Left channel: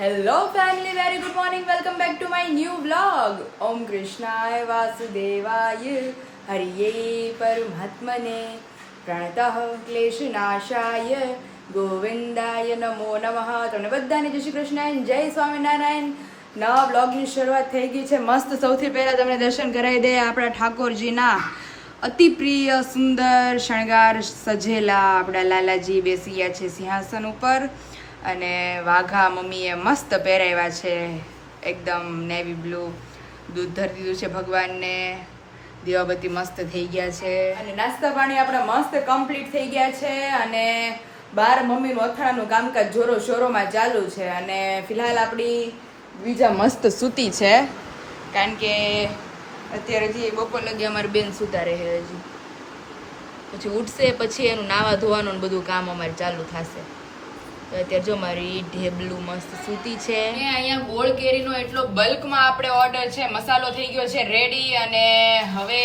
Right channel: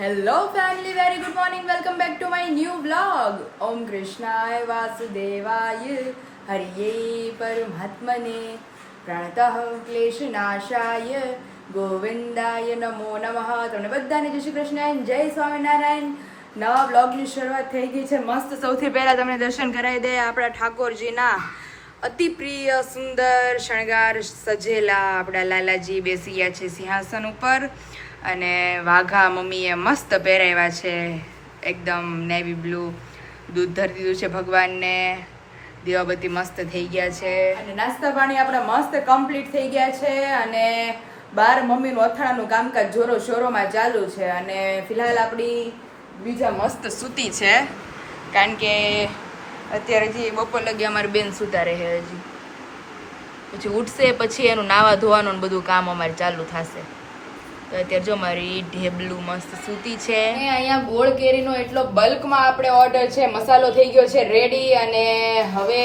Hello family, very good morning. Welcome back to my new vlog. Om Krishnaya Vasudevaya Hariye Paramatmane Pranatah Kleshanashaya Govindaya Namo Namaha. તમને બધાને જય શ્રી કૃષ્ણ અને જય સ્વામિનારાયણ. નવા વ્લોગની શરૂઆત થઈ ગઈ છે. મસ્ત સૌથી પહેલા તમને દર્શન કરાવી દે આપણા ઠાકોરજીના અતિ પ્રિય સુંદર શણગાર સજેલા આપણા લાલાજી બેસી ગયા છે સિંહાસન ઉપર અને વાઘા મમ્મીએ મસ્ત પહેરાવ્યા છે, એકદમ નેવી બ્લુ. દૂધ ધરી દીધું છે ભગવાનને, દીવાબત્તી મસ્ત થઈ ગયા છે અને નાસ્તા પાણી આપણા મસ્ત કમ્પ્લીટ થઈ ગયા છે. અને બહાર મમ્મીનું અથાણાનું કામકાજ જોરો શોરોમાં ચાલુ છે અને ફિલહાલ આપણી બીજા મસ્ત સૂતી છે, કારણ કે અત્યારેથી બપોર લગી અમારી બેન સુતા રહે, હજી પછી ઉઠશે પછી એનું નાવા ધોવાનું બધું કામ અમારે ચાલુ થશે. તો અત્યારે જો મારી ઢેબલું મસ્ત સૂતી છે. અહીંયા ગોળ કેરીનો એટલો બલ્કમાં આપણે ઓર્ડર છે, મસાલો થઈ ગયો છે રેડી અને હવે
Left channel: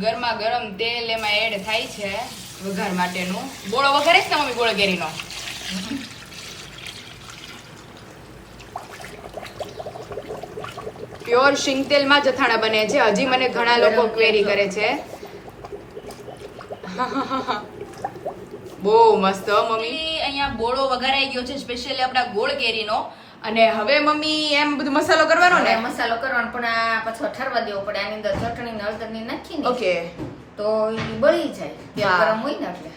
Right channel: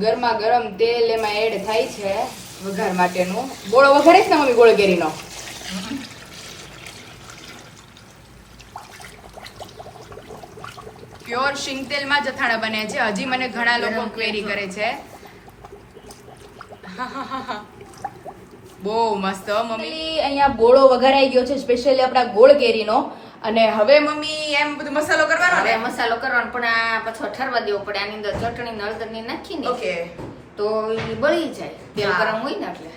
ગરમા ગરમ તેલ એમાં એડ થાય છે વઘાર માટેનું. ગોળ વઘારીશ ને મમ્મી ગોળ કેરીનો? પ્યોર શીંગ તેલમાં જ અથાણા બને છે. હજી મને ઘણા લોકો ક્વેરી કરે છે. બહુ મસ્ત મમ્મી. અહીંયા બોળો વઘારાઈ ગયો છે સ્પેશિયલી આપણા ગોળ કેરીનો. અને હવે મમ્મી એમ બધું મસાલો કરવાનો ને? મસાલો કરવાનો, પણ આ પાછો ઠરવા દેવો પડે. આની અંદર ચટણી ને હળદર ની નાખીને ઓકે તો એ બળી જાય, તેલ ગરમ હોય ને એટલે.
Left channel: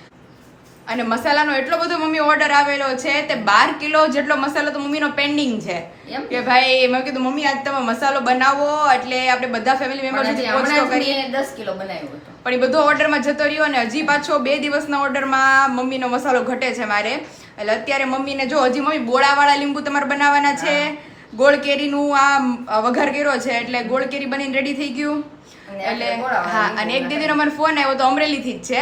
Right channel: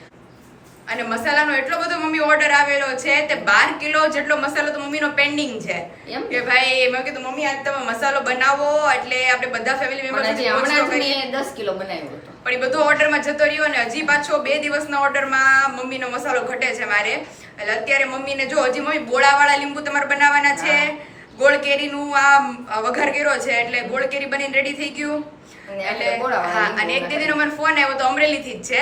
અને મસાલાનો એટલો બધો મમ્મી ઓર્ડર આવેલો છે તે 12 કિલો જેટલો મસાલો તો મમ્મીનો પેન્ડિંગ છે. એમ કે ભાઈ મેં કીધું મમ્મી આજ તમે મસાલો બનાવો એટલે આપણે બધા ફેમિલી મેમ્બર્સ હમણાં જ મેં 10 કિલો બનાવ્યો હતો, પણ એ બધો ઓર્ડરમાં જતો રહ્યો અને હજી પાછો 2 દિવસના ઓર્ડરમાં મમ્મીનો મસાલો ઘટે છે મારે. એટલે અત્યારે મમ્મીને જો હજી મમ્મી બોળાવાળા લીંબુ તમારે બનાવવાના છે. ગોળ કેરીનું આ વઘાર કર્યો છે એટલે ગોળ કેરી બનીને રેડી થઈ ગયું. અને એક દીદીનો મને ફોન આવ્યો તો અમરેલી થી જ છે,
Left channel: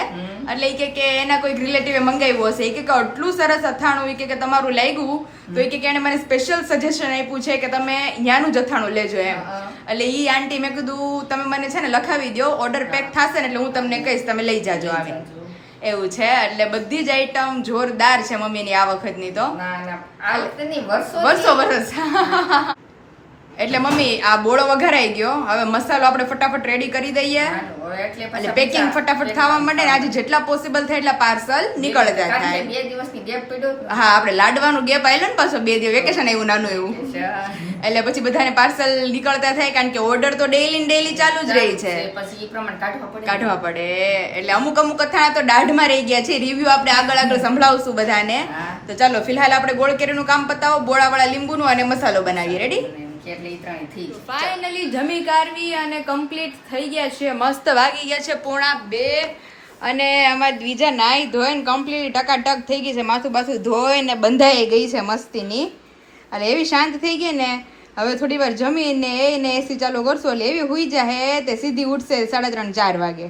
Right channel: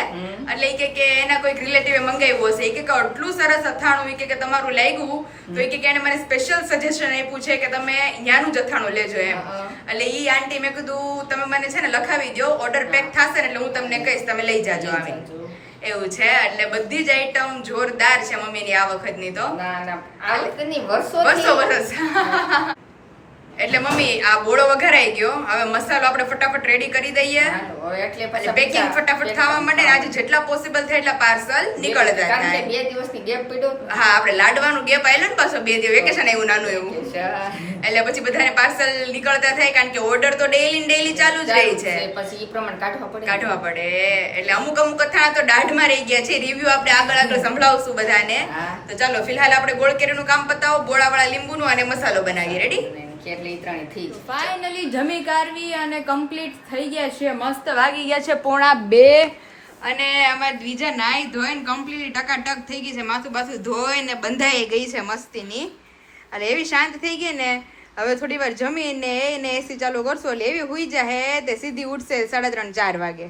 એટલે એ કે એના કોઈ રિલેટિવે મંગાવ્યું હશે. એ કે આટલું સરસ અથાણું કે તમારું લાગ્યું તો એ કે એને મને સ્પેશિયલ સજેશન આપ્યું છે કે તમે ત્યાંનું જ અથાણું લેજો એમ. એટલે ઈ આંટી મેં કીધું તમે મને છે ને લખાવી દો, ઓર્ડર પેક થશે ને એટલે હું તમને કહીશ, તમે લઈ જાજો આવે એવું છે. એટલે બધી જ આઈટમ જોરદાર છે મમ્મીની આ વખતની તો. વર્ષો એટલે મમ્મી આ બોળો વઘારાઈ ગયો, હવે મસાલો આપણે ફટાફટ રેડી કરી દઈએ એટલે પેકિંગ ફટાફટ થવા માંડે ને આજે જેટલા પોસિબલ થાય એટલા પાર્સલ નીકળતા થાય. 2 દિવસની ગેપ પડ્યો. હા, આપણે લાડવાનું ગેપ આવેલો ને પાછો 2 દિવસ વેકેશન એવું નાનું એવું, એટલે પછી બધાને પાર્સલ નીકળતા થાય કારણ કે ઓર્ડર તો ડેઈલી ચાલુ જ રહી છે, પછી એ પ્રમાણે કાઢવા પડે. એટલે અમુક અથાણા તો દાઢમાં રહી ગયા છે. રિવ્યુ આપણે આગળ સંભળાવશું બધાને. તો ચાલો ફિલહાલ આપણે ગોળ કેરીનું કામ પતાવો, બોળાવાળા લીંબુનું અને મસાલો બનાવીએ. રેડી? ફાઇનલી જમી કારવી અને કમ્પ્લીટ થઈ ગયા છે. મસ્ત વાગી ગયા છે 1:45 અને આમાં બીજા નાઈ ધોઈને કમ્પ્લીટ ટકાટક થઈ ગઈ છે. માથું બાથું ધોઈને બંધાઈ ગઈ છે મસ્તીની અને એવી શાંત થઈ ગઈ ને હવે થોડી વાર જમીને એને એસી ચાલુ કરશો એટલે એવી હુઈ જાય તે સીધી ઉઠશે 3:30-4 વાગે.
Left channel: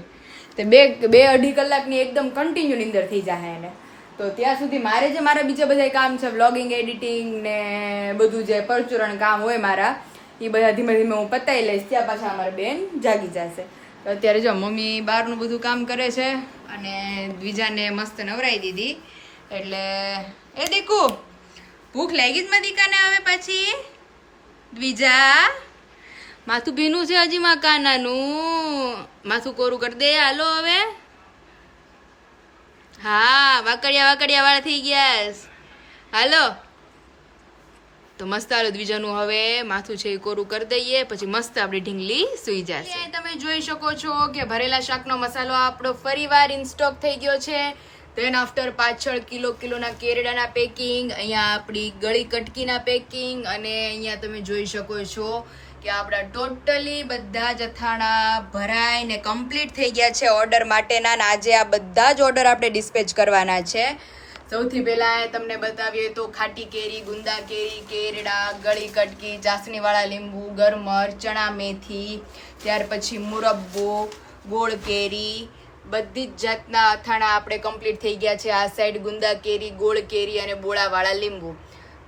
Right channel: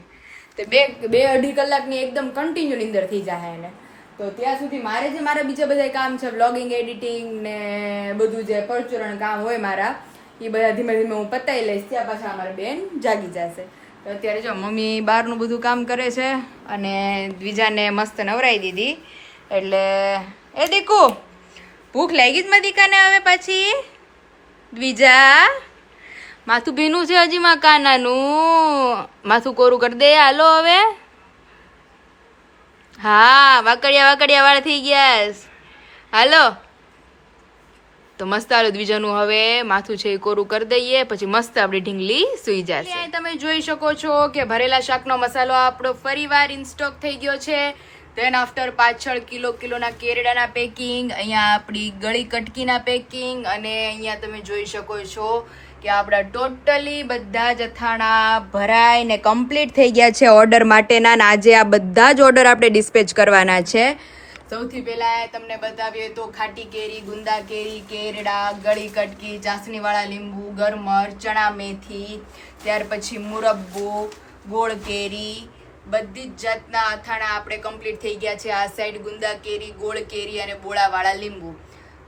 તો 2-2.5 કલાકની એકદમ કન્ટિન્યુ નીંદર થઈ જાય એને. તો ત્યાં સુધી મારા બીજા બધા કામ છે, વ્લોગિંગ, એડિટિંગ ને બધું જે પરચુરણ કામ હોય મારા, એ બધા ધીમે ધીમે હું પતાવી લઈશ. ત્યાં પાછા અમારા બેન જાગી જશે. તો અત્યારે જો મમ્મી બહારનું બધું કામ કરે છે અને દ્વિજાને મસ્ત નવરાઈ દીધી. એટલે એ દીકુ ભૂખ લાગી જ મારી દીકાને હવે પાછી? દ્વિજા માથું ભીનું છે હજી માં કાનાનું, માથું કોરું કરી દે હાલો હવે. હા, વાકડિયા વાળ થઈ ગયા હાલો. તો મસ્ત હાલો દ્વિજાનું હવે માથું છે એ કોરું કરી દઈએ પછી મસ્ત આપણી ઢીંગલી સુઈ જશે. તમે જોઈ શકો છો કે ભરેલા શાકનો મસાલો આપણો ફરીવાર ઇન સ્ટોક થઈ ગયો છે. ધેન આફ્ટર પાછળ કિલોના કેરડાના પેકિંગ, અહીંયા આપણી ગળી કટકીના પેકિંગ અને અહીંયા તમે જોઈ શકો છો કે આપણા ટોટલી બધા જ અથાણા ભરાય ને કમ્પ્લીટ થઈ ગયા છે ઓર્ડર માટેના. અને આજે આ બધા જ ઓર્ડર આપણે ડિસ્પેચ કરવાના છે. સૌથી પહેલા તમને બતાવીએ તો ખાટી કેરી, ગુંદા કેરી, કેરડા, ગળી કટકી, ચાસણીવાળા લીંબુ, ગરમર, ચણા મેથી, ત્યાર પછી મુરબ્બો, ગોળ કેરી, બધી જ જાતના અથાણા આપણે કમ્પ્લીટ થઈ ગયા છે. આ સાઈડ ગુંદા કેરી, ગોળ કેરી અને બોળાવાળા લીંબુ.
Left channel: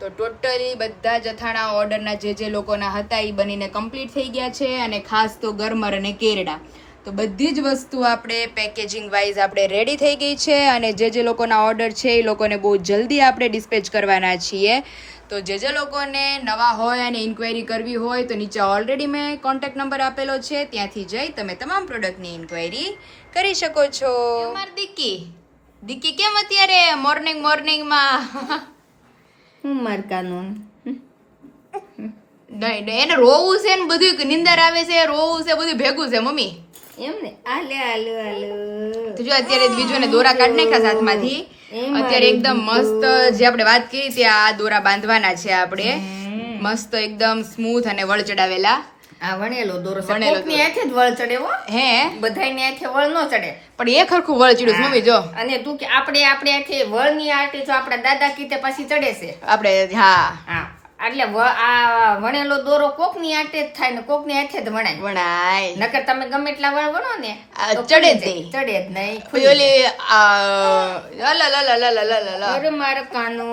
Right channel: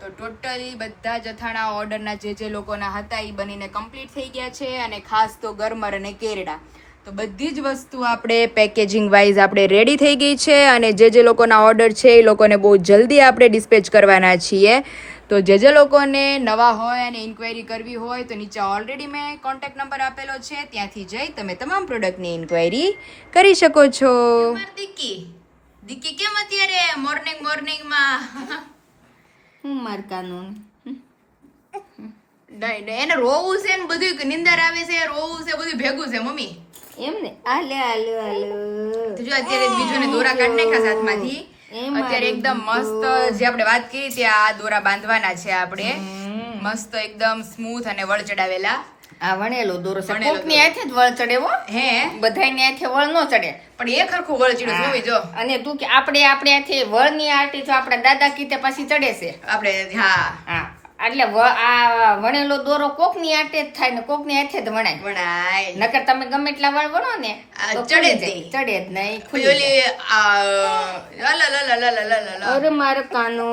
તો ટોટલી બધા જ અથાણા ઓર્ડરના જે લોકોના હતા એ બનીને કમ્પ્લીટ થઈ ગયા છે. અને ખાસ તો ગરમર અને કેરડા તો બધી જ વસ્તુ આપણે પેકેજિંગ વાઇઝ આપણે રેડી થઈ ગઈ છે અને જે લોકોના ઓર્ડર છે એ લોકોને બહુ જલ્દી આપણે ડિસ્પેચ કરવાના છીએ. તો જે લોકોને નવા હોય અને ઇન્ક્વાયરી કરવી હોય તો નીચે ઓલરેડી મેં કોન્ટેક્ટ નંબર આપેલો છે, ત્યાંથી જઈ તમે તમામ પ્રોડક્ટની ઇન્ક્વાયરી કરી શકો છો. દીકી કેમ અત્યારે મોર્નિંગમાં હું માર કાનૂન નહીં એને રોવું છે ને બધું, નિંદર આવે છે, રોવું છે, બધું ભેગું છે મમ્મી. એમ ને હાલે હાલો હાલો તો જો અત્યારે બીજું ને દોરા કાઢી નાખ્યા સાથમાંથી. અત્યારે એકદમ મસ્ત જે આપણે વાત કરી ત્યાં આ દોરા બાંધવાના છે આપણે, મસ્ત એકદમ સ્મૂથ અને વળ ચડાવેલા. આ વણેલો દોરો છે, કોકની હાથે જ વળ ચડે હો, હે બધાયની હાથે વળ ન ચડે, પણ એ ખરખું વળ ચડ્યું છે મમ્મી જો. અને તું કે આપણે હાથે વળની આટી જો આપણા દાદા કીતે પાછી ચડે છે આપણે હા એટલે આ વણેલો દોરો કોકની આટે જ થાય ને કોકની હાથે જ વણાય. નકર તમે ગમે એટલા વણ વણો ને ચડે જ નહીં. અરે માર કાનો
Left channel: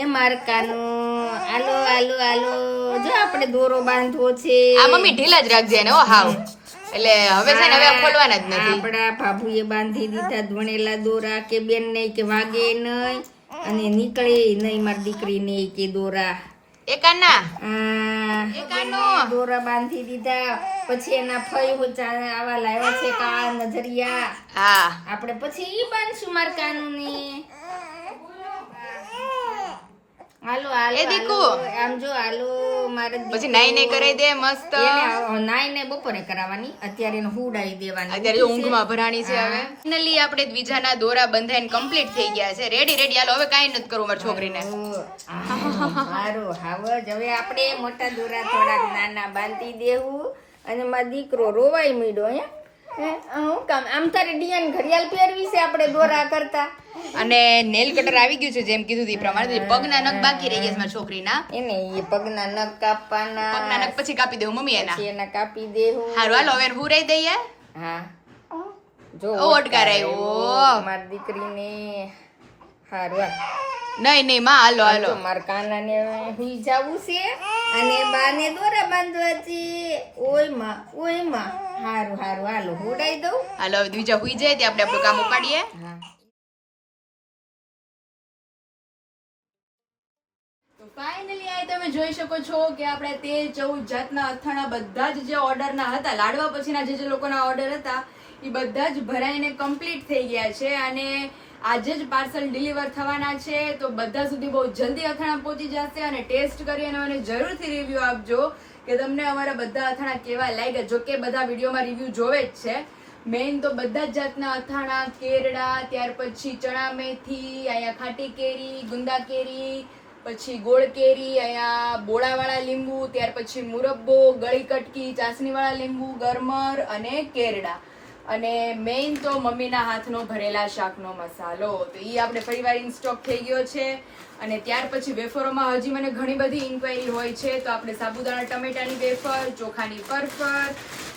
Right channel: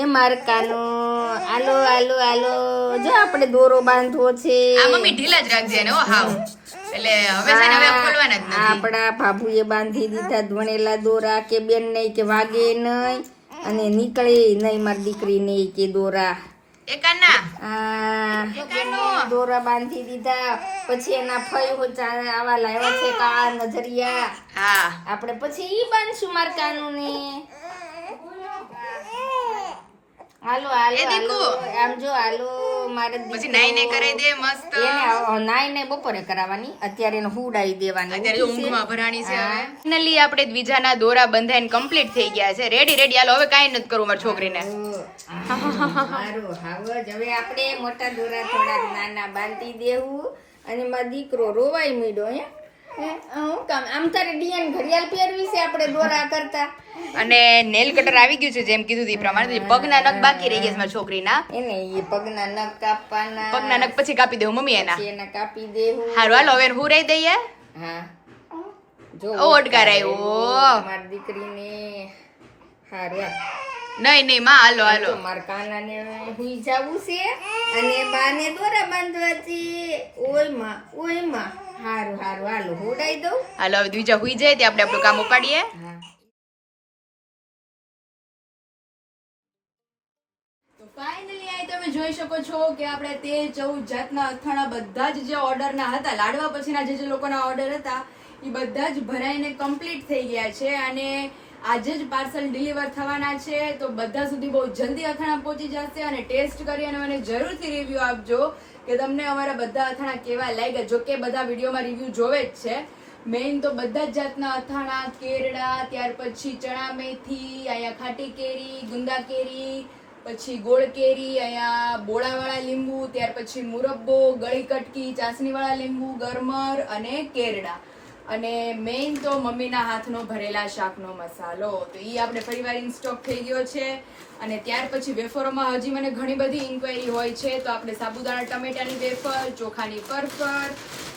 એ માર કાનો આલો આલો આલો જો આપણે દોરો બાંધવો છે. આ મમ્મી ઢીલા જ રાખજે ને ઓ હાવ, એટલે હવે છે ને હવે ખોલવાના જ નથી. આપણા ભાભુએ બાંધી દીધા વણેલા દોરા, કે બેન નહીં કે વાગે નહીં અને નીકળે નહીં મારી દીકરી નહીં કે દોરા દોરા બાંધી દીધા. પછી એના ફઈ આવા લાવ્યા છે કાળા નજરિયા, આપણે પછી ઈ બાંધશું માર કાનૂને. હાલો હાલો હાલો આમ જો હાલો મારે પછી નાઈ ને કરાઈ દે મસ્ત. એને નાઈ ને બપોરે કરાવવાની, અત્યારે એને હુડાઈ દેવાની. અત્યારે જો ઊંઘમાં ભરાણી છે. હવે ફાઇનલી આપણે બીજાના દોરા બંધાઈને કમ્પ્લીટ થઈ ગયા છે, રેડી. હાલો હવે કાઈ નથી કરવું મારી છોકરીને. સારું હાવજ હવે આપણે મોટા દોરા થોડાક નાના બાંધી દેવું. અને મારો દીકરો રોવાઈ મીડો હે હું કામ આમ તારે ડિયાન ઘડિયાળ પહેરવી છે આપણે દોરા કરતા. અને નેલ કટર આવી ગયું છે જેમ કીધું એ પ્રમાણે. પગના નખ બાકી રહી ગયા છે મારી છોકરીના. એને એ પગના નખ કાપવાના. પગના નખ પછી કાપી દેવું મમ્મી એના કાપી દેવું. હારું હાલો હવે હુરાઈ દઈએ. હા જો ઓડકાર આવ્યો મારી દીકરીને. હારું નહીં માં હાલો મારા કાનાને હુઈ જાવું છે અને બાને દોરા બાંધવા છે. ઓય માં હારું હાલો હુડાઈ દઉં. હાલો હવે બીજા હુઈ જાય તે આપણે આપણું કામ ઉપાડીએ. ફાઇનલી આ તમે જોઈ શકો છો કે આપણે 13-14 જાતના અથાણા બધા જ જે ઓર્ડરના હતા, લાડવા પછીના જે લોકોના ઓર્ડર હતા એ બધા જ ભરાઈને કમ્પ્લીટ થઈ ગયા છે. અને આજે જ પાર્સલ ડિલિવર થવાના છે, તો બધા સુધી બહુ જલ્દી અથાણા પહોંચી જશે. અને ટેસ્ટ કરી અને મને જરૂરથી રિવ્યુ આપજો કે તમને અમારા બધા અથાણા કેવા લાગ્યા. જો કે બધા વિડીયોમાં રિવ્યુ જોવે જ છે. મેઇન તો બધા જ જાતના અથાણા, કેરડા, ત્યાર પછી ચણા મેથી, અહીંયા ખાટી કેરી, ગુંદા કેરી, પછી ગોળ કેરી, અહીંયા બોળાવાળા લીંબુ, ત્યાર પછી મુરબ્બો, ગળી કટકી, ચાસણીવાળા લીંબુ, ગરમર અને કેરડા. અને મેઇન તો મમ્મીના હાથનો ભરેલા શાકનો મસાલો, તો એ આપણે ફરીવાર ઇન સ્ટોક થઈ ગયો છે. અને ત્યાર પછી વેફરોમાં હજી મને ઘણી બધી ઇન્ક્વાયરી હોય છે, તો આપણે સાબુદાણા ટમેટાની વેફર, ચોખાની પરફર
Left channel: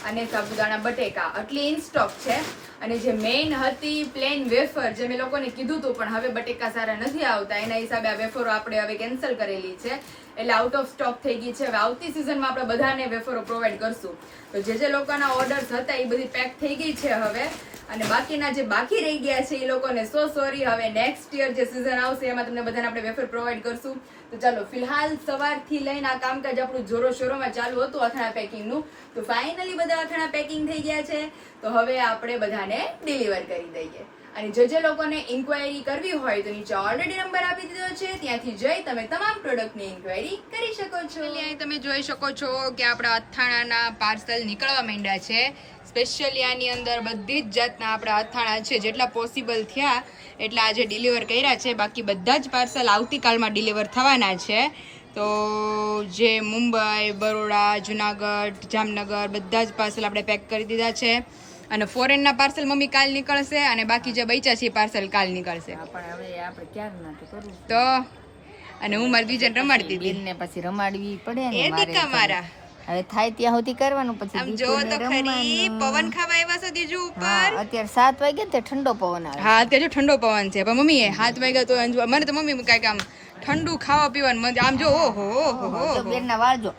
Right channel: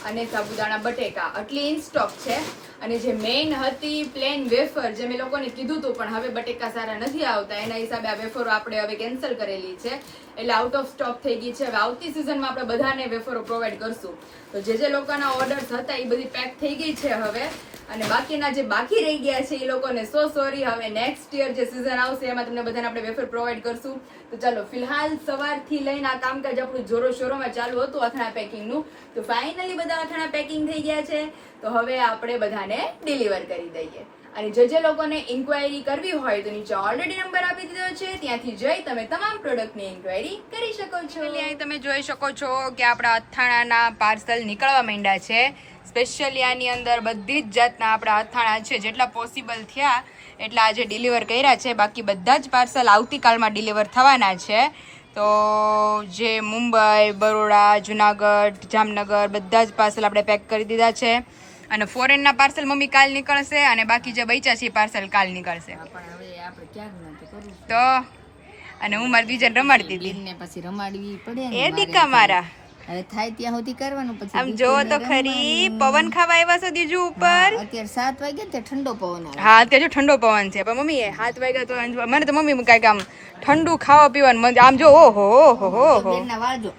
અને સાબુદાણા બટેકા આટલી ઇન સ્ટોક છે. અને જે મેઇન હતી પ્લેન વેફર, જે મેં લોકોને કીધું હતું પણ હવે બટેકા સારા નથી આવતા એના હિસાબે આ વેફરો આપણે હવે કેન્સલ કરેલી છે, એટલે આઉટ ઓફ સ્ટોક થઈ ગઈ છે. હવે આવતી સિઝનમાં આપણે બધાને વેફરો પ્રોવાઈડ કરશું. તો જે લોકોના ઓર્ડર્સ હતા એ બધી પેક થઈ ગઈ છે હવે. અને બાકીના જે બાકી રહી ગયા છે એ લોકોને સોરી. હવે નેક્સ્ટ યર જે સિઝન આવશે એમાં તમને બધાને આપણે વેફર પ્રોવાઈડ કરશું. તો ચાલો ફિલહાલ સવારથી લઈને આ કામકાજ આપણું જોરો શોરોમાં ચાલુ હતું અથાણા પેકિંગનું. તો ફાઇનલી બધા અથાણા પેકિંગ થઈ ગયા છે, તો હવે આપણે બધાને ડિલિવર કરી દઈએ. અને જે લોકોને ઇન્ક્વાયરી કરવી હોય તો નીચે ઓલરેડી નંબર આપી દીધો છે, ત્યાંથી જઈ તમે તમામ પ્રોડક્ટની ઇન્ક્વાયરી કરી શકો છો. અહીં તમે જોઈ શકો છો કે આપણા અથાણાના પાર્સલ નીકળવા માંડ્યા છે. સ્પેશિયલી આની અંદર બધી જ જાતના આપણા અથાણા છે, જેટલા પોસિબલ થયા એટલા આજે ડિલિવર કર્યા છે. બાકી બધા જ પાર્સલ આવતીકાલમાં ડિલિવર થવાના છે. તો જે મુંબઈ, બરોડા, જુનાગઢ, જામનગર બધા જ પાર્સલ આપણે પેક કરી દીધા છે. અને ફોરેનના પાર્સલ મમ્મી કાલ નીકળશે અને બાકી જે બચ્યા છે પાર્સલ કાલ નીકળશે. પણ હવે આપણે ક્યાં ના તો કરવું તો અને હું મારી બીજાને રમાડતી હતી ને પછી રમાડવી પડે ને એ દીકા મારા. હવે થાય ત્યાં સુધી કરવાનું. પછી આમ જો તો ખરી પવન ખાવા આવ્યા છો દીજુ ઉપર. અત્યારે 7 વાગ્યા તે ઠંડો પવન આવે. હા અત્યારે જો ઠંડો પવન છે, પણ મમ્મી 7 વાગ્યા તો મને તો મમ્મી કઈક આમ ઠંડુ ખાવા પીવાનું મજા. આમ જો ઓહો ઓહો બેનના વાળજો.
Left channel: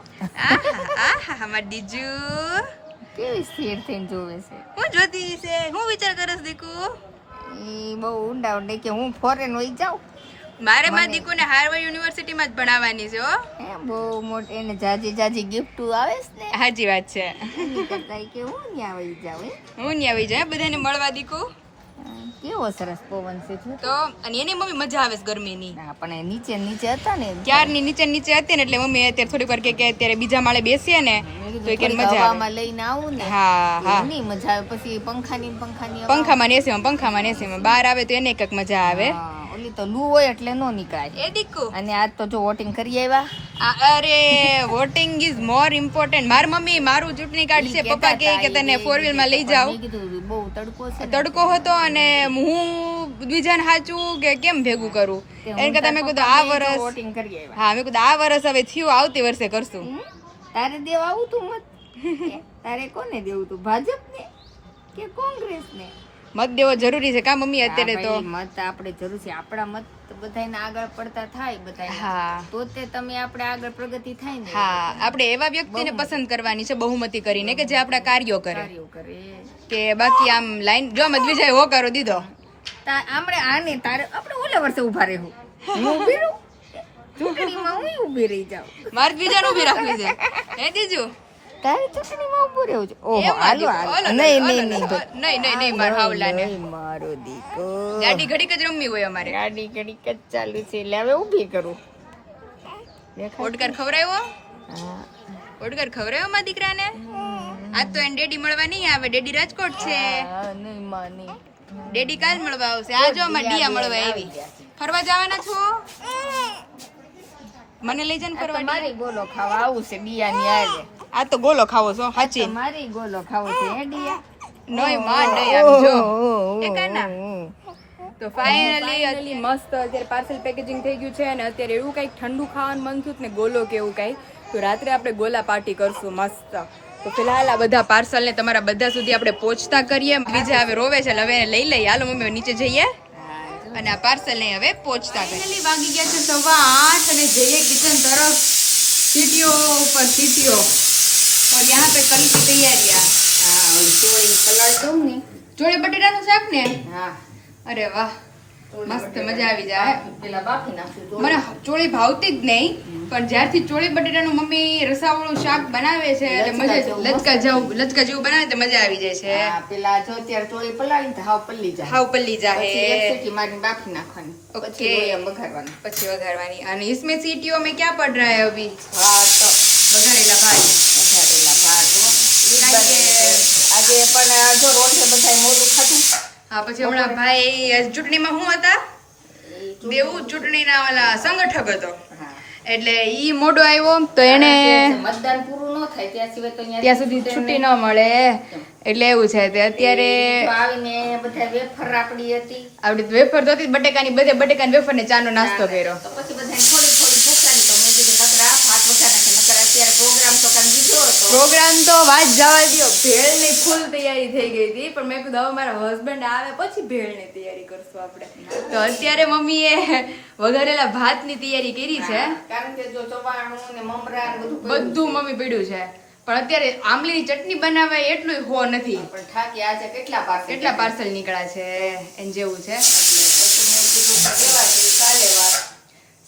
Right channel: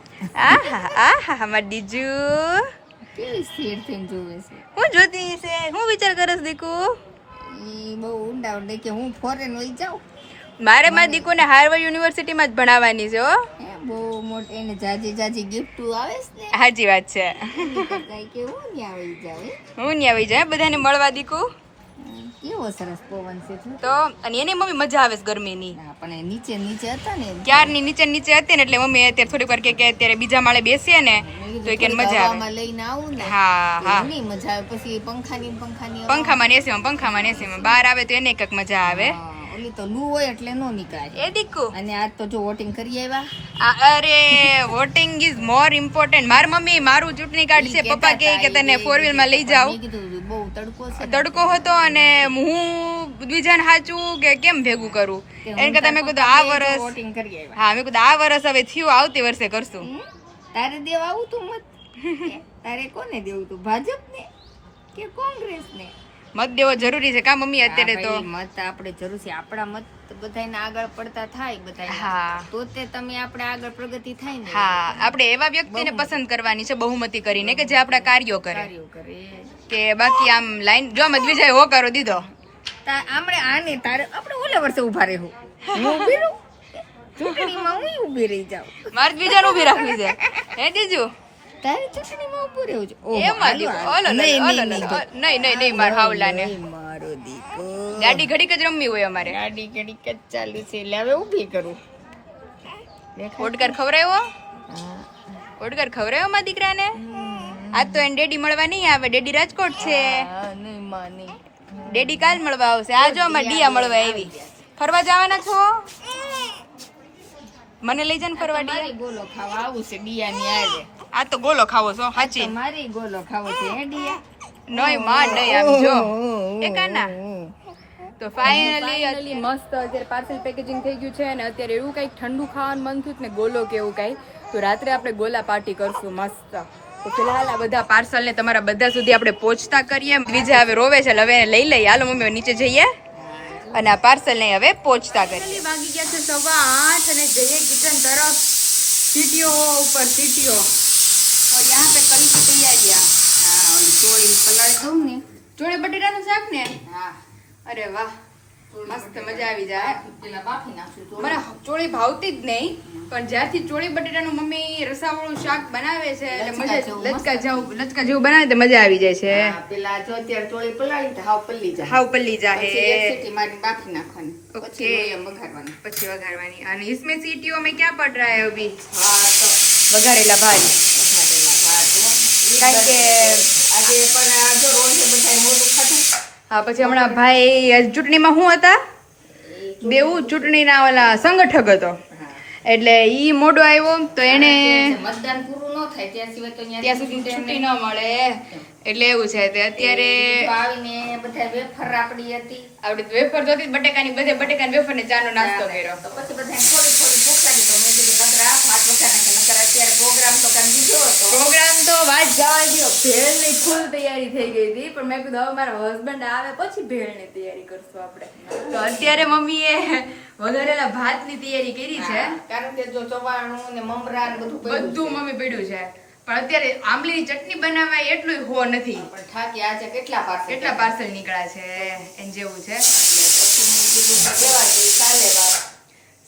આહા મારી દીજુ કેવી સ્થિર થઈને જોવે છે. હું જોતી છે, હું વિચાર કરસ દીકુ. એ બહુ ઊંડા ઊંડે કે હું ફોરેન વઈ જાઉં. મારે મારી દીકુને હાર્વર્ડ યુનિવર્સિટીમાં જ ભણાવવાની છે હો. બહુ મોટી એને જાજી જાજી ગિફ્ટ આવે છે ને સાચી વાત છે. એની કરતા કે હું ન્યા આવી જાવ હું નહીં આવી જાય બધાને મળવા દીકુ કેવો સરસ પવન છે જો. તો અને એની મમ્મી મજા આવે છે ગરમીની. ના પણ એ નીચે નીચે હતા ને ક્યારની નીચે નીચે હતી ને એટલે મમ્મી અત્યારે થોડીક વાર કે અત્યારે બીજા માળે બેસીએ ને તો એ કે મજા આવે. હવામાં લઈને આવું ને હા હા એની મજા આવે પછી પંખાની પંખામાં ને એસીમાં બહાર આવે તો એને કંઈક મજા આવે. હા, ઓલી તો લૂ હોય એટલે નો નીકળે. એ દીકુ અને આજ તો જો વોટિંગ કરી આવ્યા. અરે વોટિંગ ઇઝ મોર ઇમ્પોર્ટન્ટ. મારી મમ્મી મારું ચૂંટણી કાર્ડ છે પપ્પા કહે કે તને 4 વ્હીલ માં લઈ જાવ. મેં કીધું બહુ તડકો છે ને. તડકો હતો અને હું બીજાને સાચું કે કેમ ભેગું કરું એને કરતા મેં કીધું આ વર્ષ વોટિંગ કરી આવ્યા. હા મેં કીધું આ વર્ષ હવે થયું આવતી વર્ષે કરશું. તારે દેવા આવું તું મત તારે કોને દેવું તું ભાજપ ને કે કોંગ્રેસ ને? મત દેવો જરૂરી છે કા મમ્મી અત્યારે તો. મત આપણે જરૂર છે. આપણા મત બધાને આગળ પડતા થાય બધાને હા તો તે તમે આપણે આગળ પ્રગતિ થાય ને. હા આપણે એવા વ્યક્તિને પસંદ કરવાની છે બહુમતી કરીને કે જે આપણા કાર્યો કરે કાર્યો કરે કે બાકી આમ લાઈન જો મત વિજય હો કરો દીધો આપણે આને તારે આપણે ઓલે વર્ષે ઉભા રહેવું. હું ઊભી રહું ચૂંટણીમાં હું ઊભી રહી જાઉં. મારે બીજાને ઉભી રાખવી છે હે દીજુ તારે ચૂંટણીમાં ઊભું રહેવું છે. ઓહો, એમાં હાલો, દીકરો, હાલો. ઓલો, નહીં, ઓલો, નહીં, ઓલો, નહીં, નહીં મારા હાવલાને નહીં, મારો દીકરો. ગાડી ઘડીક જ રમવી હોય અમારે. ગાડી ઘડીક જ ચાલુ છે એટલે હવે ઊભી કરું. ઓડકાર ખવડાવ્યો હા. ઓડકાર ખવડાવ્યો મારા દીકરાને. આજ તો એને ડેડી મળવા નહીં આવે. ડેડી રાજકોટ છે. હા, નહીં, માં નહીં. ડેડી કાલ મળવા આવશે. આ જો અમારે ડિયા મળવા આવી. ફરવા જવાના છો? મને લઈ જાય ને ફરવા ડિયા. મારી ગોલો ખાવા આવું છે ડિયાની હારે. આ તો ગોલો ખાવો છો સાચી. મારી ગોલો ખાવો છે હે ડિયા. નોય માં નહીં આમ જો. ઓહો, એ કાના. તો ફાઇનલી મસ્ત અત્યારે પાર્સલ પેકેજિંગ થઈ ગયું છે અને અત્યારે એવું કંઈક ઠંડુ ખાવાનું મન થયું ને ગોલો કે એવું કંઈ તો રાત્રે આપણે ગોલા પાર્ટી કરશું મસ્ત. તો ફિલહાલ આ બધા પાર્સલ ને તમારા બધા સુધી આપણે પહોંચતા કરીએ. બીજા હવે રોવે છે હવે એને લઈ લઈએ. હાલો મમ્મી નીચે જઈએ અને આ પાર્સલ ને હવે પહોંચતા કરીએ. વાગી ગયા છે 8:15 અને જઈએ કિચન તરફ. सीटियों ऊपर सीटियों और यहाँ पे कल की तैयारियाँ. હા, ચોળી પલાળી દઉં ને. ચોળી બટેટાનું શાક ને. હા, અરે વાહ મસ્ત મજા આવી જાય. પેલા બાફી નાખશું ચોળી. મને ચોળી ભાવતી જ નહીં પણ જ્યારથી ચોળી બટેટાનું મમ્મી રસાવાળું શાક બનાવે છે એટલે મજા લચકા જેવું બનાવે તો મજા આવી જાય છે. હા, પેલા જો અત્યારે ચોળી પલાળી તો હાવ પલ્લી જાય. હાવ પલ્લી પછી એક જાય સીટી મારીને બાફી નાખવાની. ઓકે. પછી લોહીમાં વઘારવાની. પછી વઘારવાની. અને इसमें सीटियों में क्या पड़ रहा है अभी? હા, તો વઘારેલા ભાત. વઘારેલા ભાત હો. કારણ કે આજે પણ જો રોજ બધાય મોઢું ખાધું. હા પછી હમણાં ભાઈ ચૂંટણીમાં શું હતા બેવું ચૂંટણીના ઓલા સંગઠક હતો હા. એટલે ઈ મોડો આવ્યો તો એને મતદાન પૂરું ન થાય ત્યાં સિવાય તો ત્યાં સુધી છૂટી ન મળે એટલે એવું છે કે અત્યારે આવીને બધા વેફર આપડી હતી. આપડે વેફર તો હતી બટેકાની બટેકાની વેફર ને ચાનો નાસ્તો કર્યો. તો પછી બધા થોડી થોડી ભૂખાડી તો મેં કીધું નકર આ ભાત વઘાર નાખે. નકર અત્યારે પ્રોગ્રામ તો કરી દીધો હતો. પ્રોગ્રામ તો વાત જવા દો ભેળ ની ફૂલ તૈયારી થઈ ગઈ હતી પણ મેં કીધું હવે મારા હસબન્ડ આવે પછી ભેળ ની તૈયારી કરશું આપણે. તો અત્યારે મમ્મીએ વઘારેલા ભાત ની તૈયારી કરી છે. કારણ કે જો ચવાણું ને મમરા ને બધું બધું મમ્મી પડ્યું છે પણ અત્યારે આમલીની ચટણી બનાવાય એટલું હો નથી. પણ થાકી આજે કેટલા પાર્સલ નીકળ્યા છે એન જેવું છે. એટલે પછી મેં કીધું કે દેવા છે ચાલે વાત.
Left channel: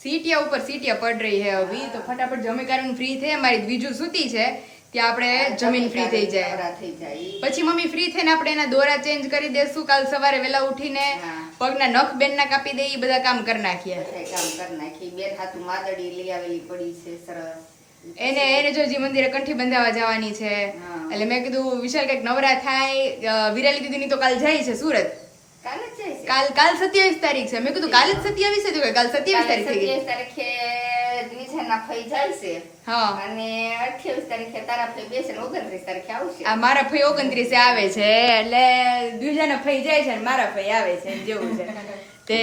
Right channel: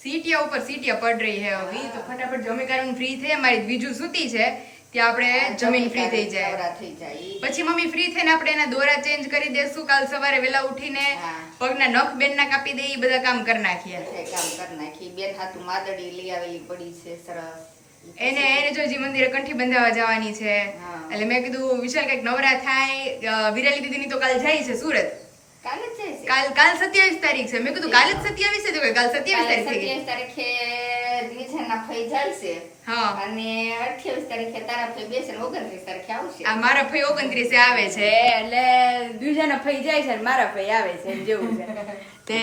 सीटियां ऊपर सीटियां पड़ रही है अभी तो फटाफट जमी कारण फ्री थे हमारी बीजू सूती છે ત્યાં આપણે જમીન ફ્રી થઈ જાય નવરા થઈ જાય. પછી મમ્મી ફ્રી થઈને આપણે એના દોરા ચેન્જ કરી દેશું. કાલ સવારે વેલા ઉઠીને હા. પગના નખ બેનના કાપી દઈ ઈ બધા કામ કરી નાખીએ. બધાય કામ કરી નાખી. બેન હાથું માદડી લઈ આવેલી પડી છે સરસ. એને જો જી મંદિરે કંઠી બંધાવા જવાની છે હા. એટલે મેં કીધું વિશાલ કઈક નવરા થાય. વિરાલી દીદીની તો કાલ જાય છે સુરત. કાલે જ જાય છે. કાલ 27 તારીખ છે. મેં કીધું કાલે જ 27 છે તો કે કાલ 27 કાલે તારીખ થઈ ગઈ. 27 તારીખે દ્વિજાના ફઈ જાય છે. હા અને 28 તારીખે તારા ફઈ બેસે ને 29 તારીખે આવશે. આ મારા ફઈ 29 આવે છે એટલે દુજાના ફઈ જાય છે અને મારા ફઈ આવે છે એમ જેવું છે. તે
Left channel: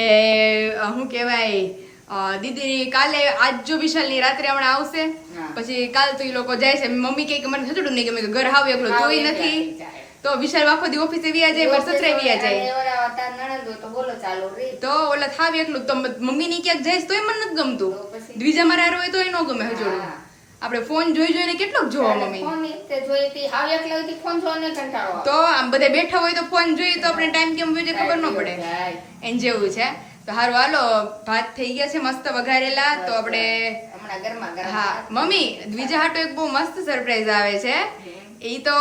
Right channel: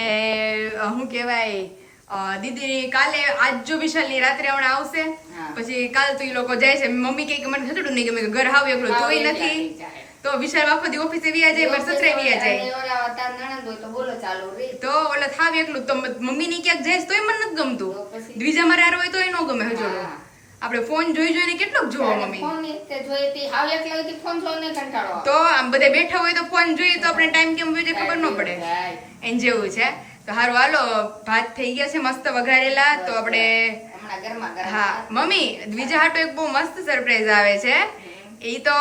શું કહેવાય દીદી કાલે આજ જો વિશાલની રાત્રે હમણાં આવશે હા. પછી કાલ તો એ લોકો જાય છે. મમ્મી કહે કે મને થતું નહીં કે મેં ઘર હાવ એકલો હાવ તોય એકલા નથી થઈ જાય. તો વિશાલ આખો દી ઓફિસે વ્યા જાય પર સસરે વ્યા જાય અને ઓલા તાર નણંદ હોય તો બોલો ચાલુ રે. તો ઓલા થાવ એકલું તો મમ્મી ની ક્યાંક જાય તોય મને નથી ગમતું. તો પછી? દ્વિજા મારે હારે હોય તોય ન ગમે હજોડું. હા. આપણે ફોન જોઈ જોઈને કેટલોક જોવો અને મમ્મી. ફોન ઈ તે જોઈ હતી હાવ એકલા હતી ફોન જોઈને કંટાળો આવે. તો આમ બધા બેઠા હોય તો ફોન જોઈએ તો આપણે ટાઈમ કેમ વયો જાય ખબર ન પડે જાય. એન જેવું છે. તો હારું હાલો ભાત થઈ ગયા છે મસ્ત વઘારેલા. તો આપણે હમણાં ગરમા ગરમ હા મમ્મી દ્વિજા હાટુ એક બહુ મસ્ત સરપ્રાઈઝ આવે છે. ઈ તો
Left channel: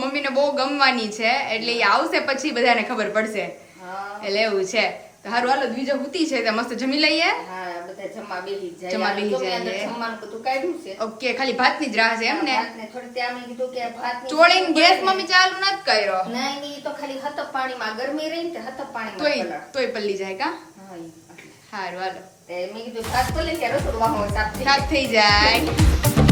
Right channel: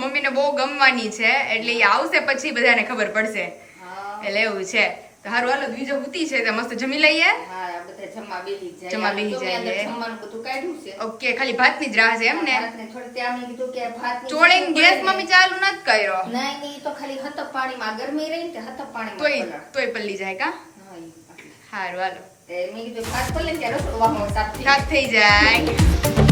મમ્મીને બહુ ગમવાની છે એટલે ઈ આવશે પછી બધાને ખબર પડશે. હા એટલે એવું છે. તો હારું હાલો દ્વિજા હુતી છે તો મસ્ત જમી લઈએ. હા બધા જમવા બેસી જાય. જમવા બેસી જો મેં અંદર જાય. જમવાનું બધું કાઢ્યું છે. ઓકે ખાલી ભાતની જ રાહ છે એમ ને. ભાતને થોડી ત્યાં મેં કીધું કે ભાતની ચોળીને ગેસ મમ્મી ચાલુ નથી કર્યો. નહીં નહીં, ઈ તો ખાલી હતપ પાણીમાં ગરમી રહી ને તે હતપ પાણીમાં તોય પલાળ. તોય પલ્લી જાય કા. હા, ઈ એટલે. હારું હાલો તે મેં કીધું ભાત પલળી ત્યારે રસોડું વાહો સાફ થઈ સાફ થઈ જાય.